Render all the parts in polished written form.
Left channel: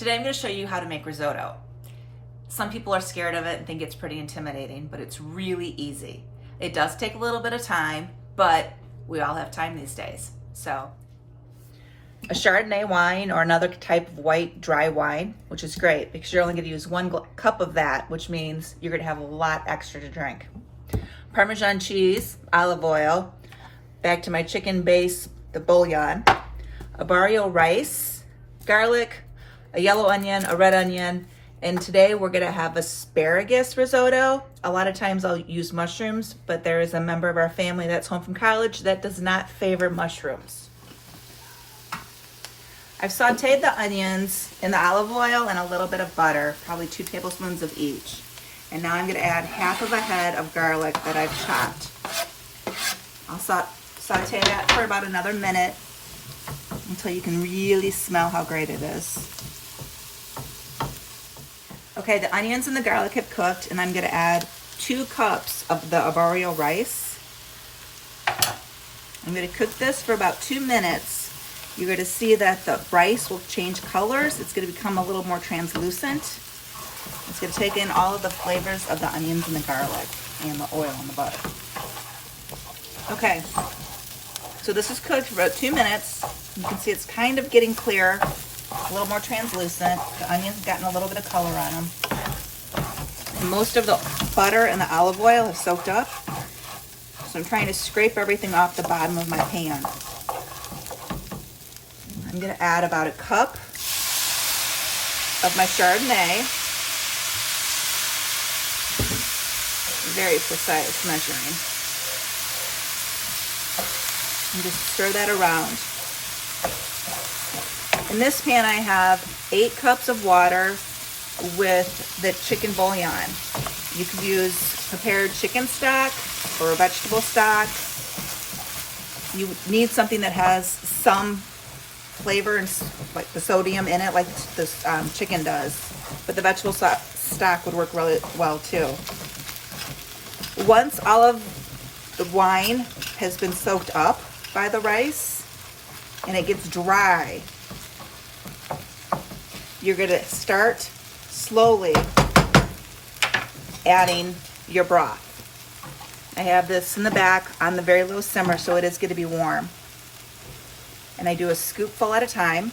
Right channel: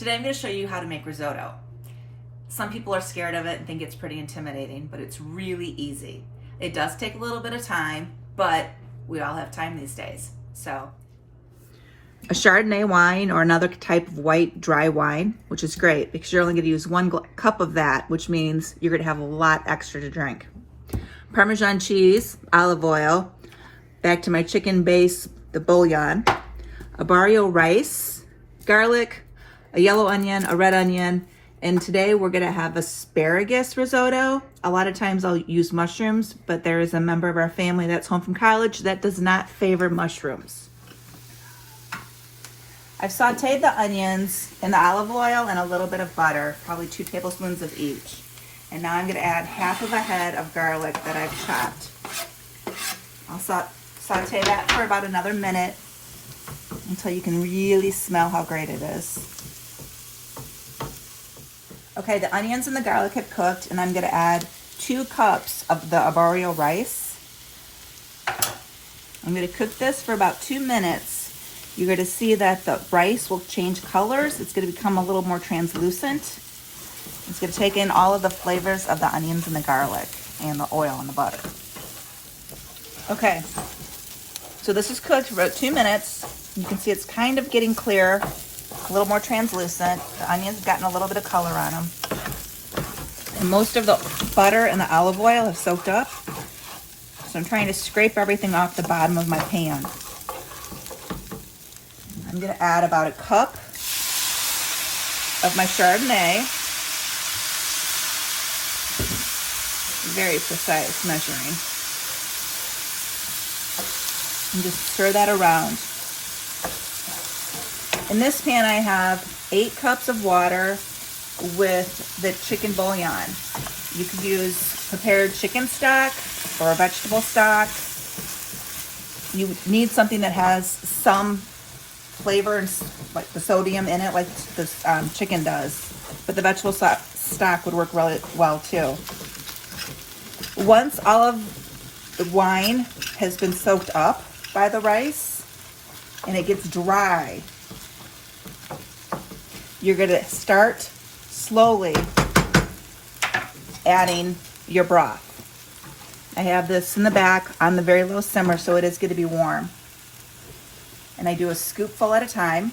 Today I'm going to show you how to make risotto. Some people are scared of it and think it's pretty intimidating, but it's really easy. It does take a little bit of time, but we all have time these days. So, a Chardonnay wine or another type of white dry wine, which is great because you're only going to use 1 cup of that, which means you're going to have a lot extra to drink. Parmesan cheese, olive oil, back to my chicken base, the bouillon, a barrio rice, garlic, a yellow onion, a red onion, and today we're gonna have asparagus risotto. A lot of times I'll use mushrooms, but there is a member of our family that's home from college that does not favor mushrooms. I've sauteed the onions in the olive oil and a little bit of butter, probably 2 tablespoons of each. And now I'm gonna add half of a head of garlic that I've chopped. I'll saute that for about another minute until you can really smell how great it is. Okay, the onions and the garlic have cooked, and I'm gonna add 2 cups of the arborio rice. I'm gonna cook this for about 2 minutes. You're gonna see that the rice will change colors. It's gonna become a little more translucent. It's gonna take in all of the flavors of the onions and the garlic and the oil and the butter. Okay, so this is cooked for about 2 minutes. You can see it's kind of getting clear, a little more translucent. The onions have gotten a little bit of color on them. And most of the butter and the olive oil have soaked up. So I'm trying to scrape everything off the bottom of my pan. I'm gonna add about 1 cup of my Chardonnay. Very precise measuring. And just stir that around. In this pan I have 8 cups of water with the chicken bouillon. You could use prepared chicken stock or vegetable stock. You need something that has some flavor, like the sodium in it, like this chicken does. But the vegetable stock would work really well too. Once all of the wine has been soaked up by the rice and it gets dry, you're gonna start slowly adding your broth. I have this in the back on the very low simmer, so it is gonna be warm. And I do a scoopful at a time.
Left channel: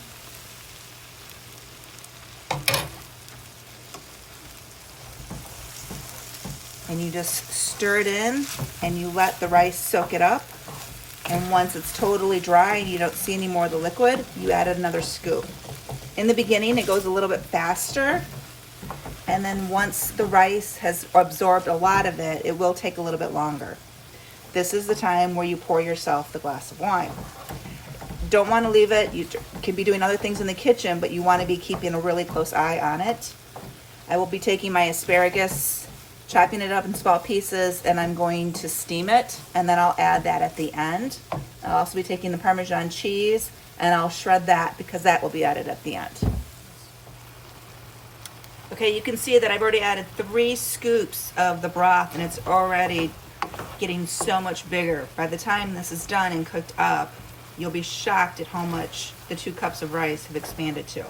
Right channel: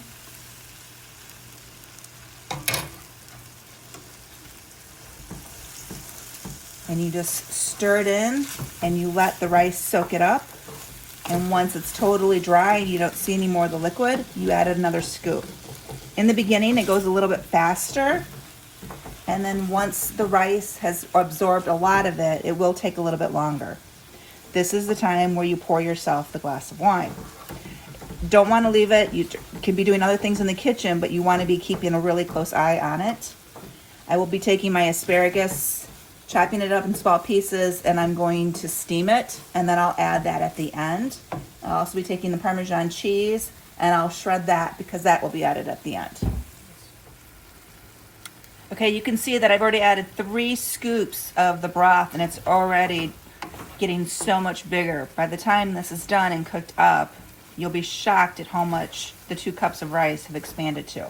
And you just stir it in and you let the rice soak it up. And once it's totally dry and you don't see any more of the liquid, you add another scoop. In the beginning, it goes a little bit faster. And then once the rice has absorbed a lot of it, it will take a little bit longer. This is the time where you pour yourself the glass of wine. Don't want to leave it. You can be doing other things in the kitchen, but you want to be keeping a really close eye on it. I will be taking my asparagus, chopping it up in small pieces, and I'm going to steam it, and then I'll add that at the end. I'll also be taking the Parmesan cheese, and I'll shred that because that will be added at the end. Okay, you can see that I've already added 3 scoops of the broth, and it's already getting so much bigger. By the time this is done and cooked up, you'll be shocked at how much the 2 cups of rice have expanded to.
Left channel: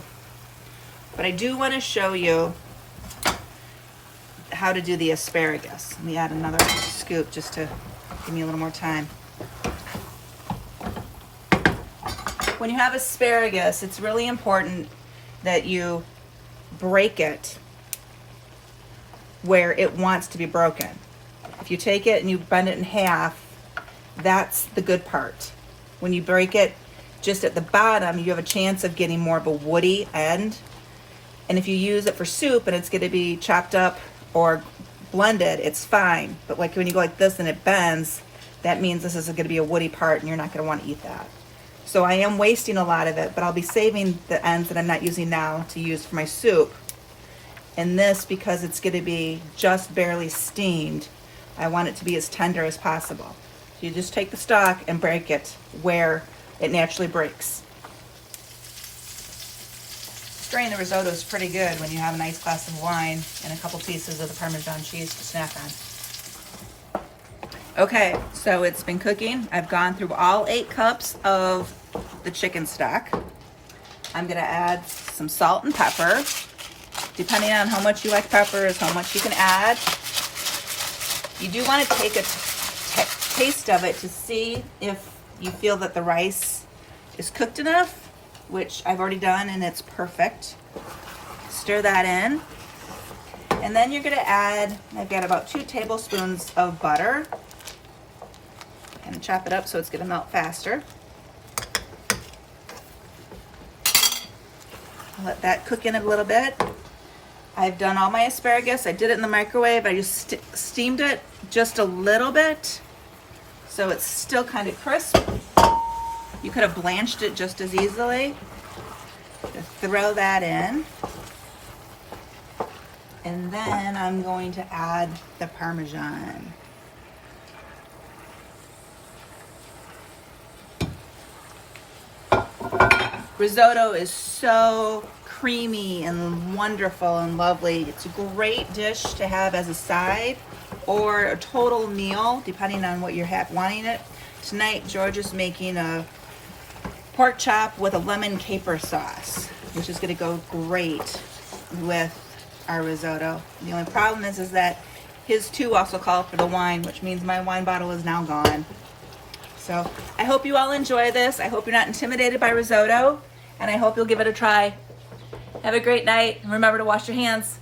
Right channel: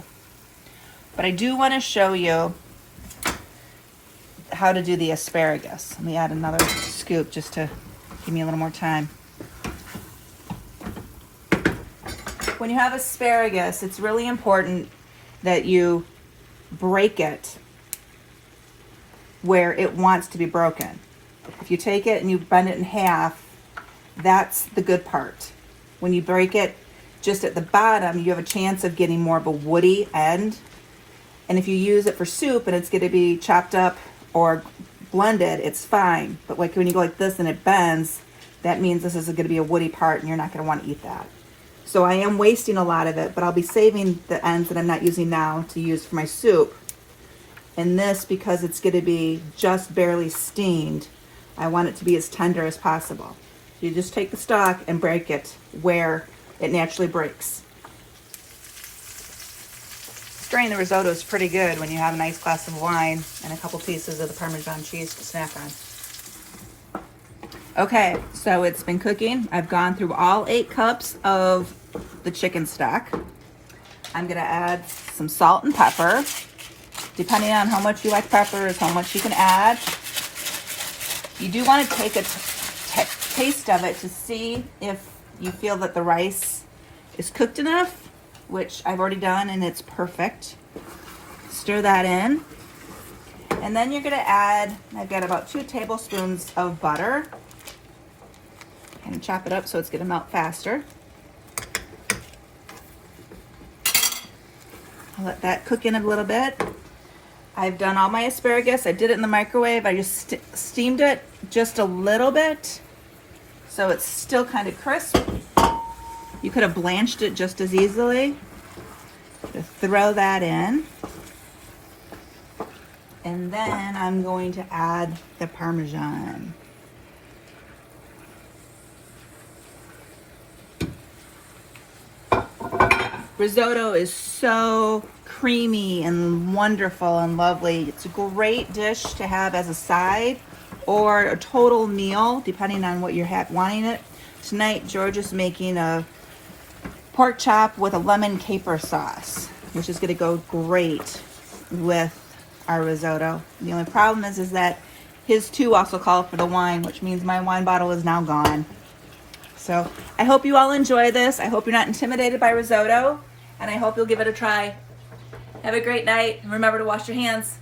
But I do want to show you how to do the asparagus. Let me add another scoop just to give me a little more time. When you have asparagus, it's really important that you break it where it wants to be broken. If you take it and you bend it in half, that's the good part. When you break it just at the bottom, you have a chance of getting more of a woody end. And if you use it for soup and it's going to be chopped up or blended, it's fine. But like when you go like this and it bends, that means this is going to be a woody part and you're not going to want to eat that. So I am wasting a lot of it, but I'll be saving the ends that I'm not using now to use for my soup. And this, because it's going to be just barely steamed, I want it to be as tender as possible. So you just take the stock and break it where it naturally breaks. Stirring the risotto is pretty good when you have a nice glass of wine and a couple pieces of the Parmesan cheese to snack on. Okay, so it's been cooking. I've gone through all 8 cups of the chicken stock. I'm gonna add some salt and pepper. Depending on how much you like pepper is how much you can add. You do want to take a taste of it to see if you feel that the rice is cooked enough, which I've already done and it's perfect. Stir that in. And then you're gonna add, I've got about 2 tablespoons of butter. And chop it up so it's gonna melt faster. Let that cook in a little bit. I've done all my asparagus. I did it in the microwave. I just steamed it just a little bit so it's still kind of crisp. You could have blanched it just as easily. Just throw that in. And then I'm going to add the Parmesan. Risotto is so creamy and wonderful and lovely. It's a great dish to have as a side or a total meal, depending on what you're wanting it. Tonight, George is making a pork chop with a lemon caper sauce, which is gonna go great with our risotto. The only problem is that his too also called for the wine, which means my wine bottle is now gone. So I hope you all enjoy this. I hope you're not intimidated by risotto, and I hope you'll give it a try. Have a great night, and remember to wash your hands.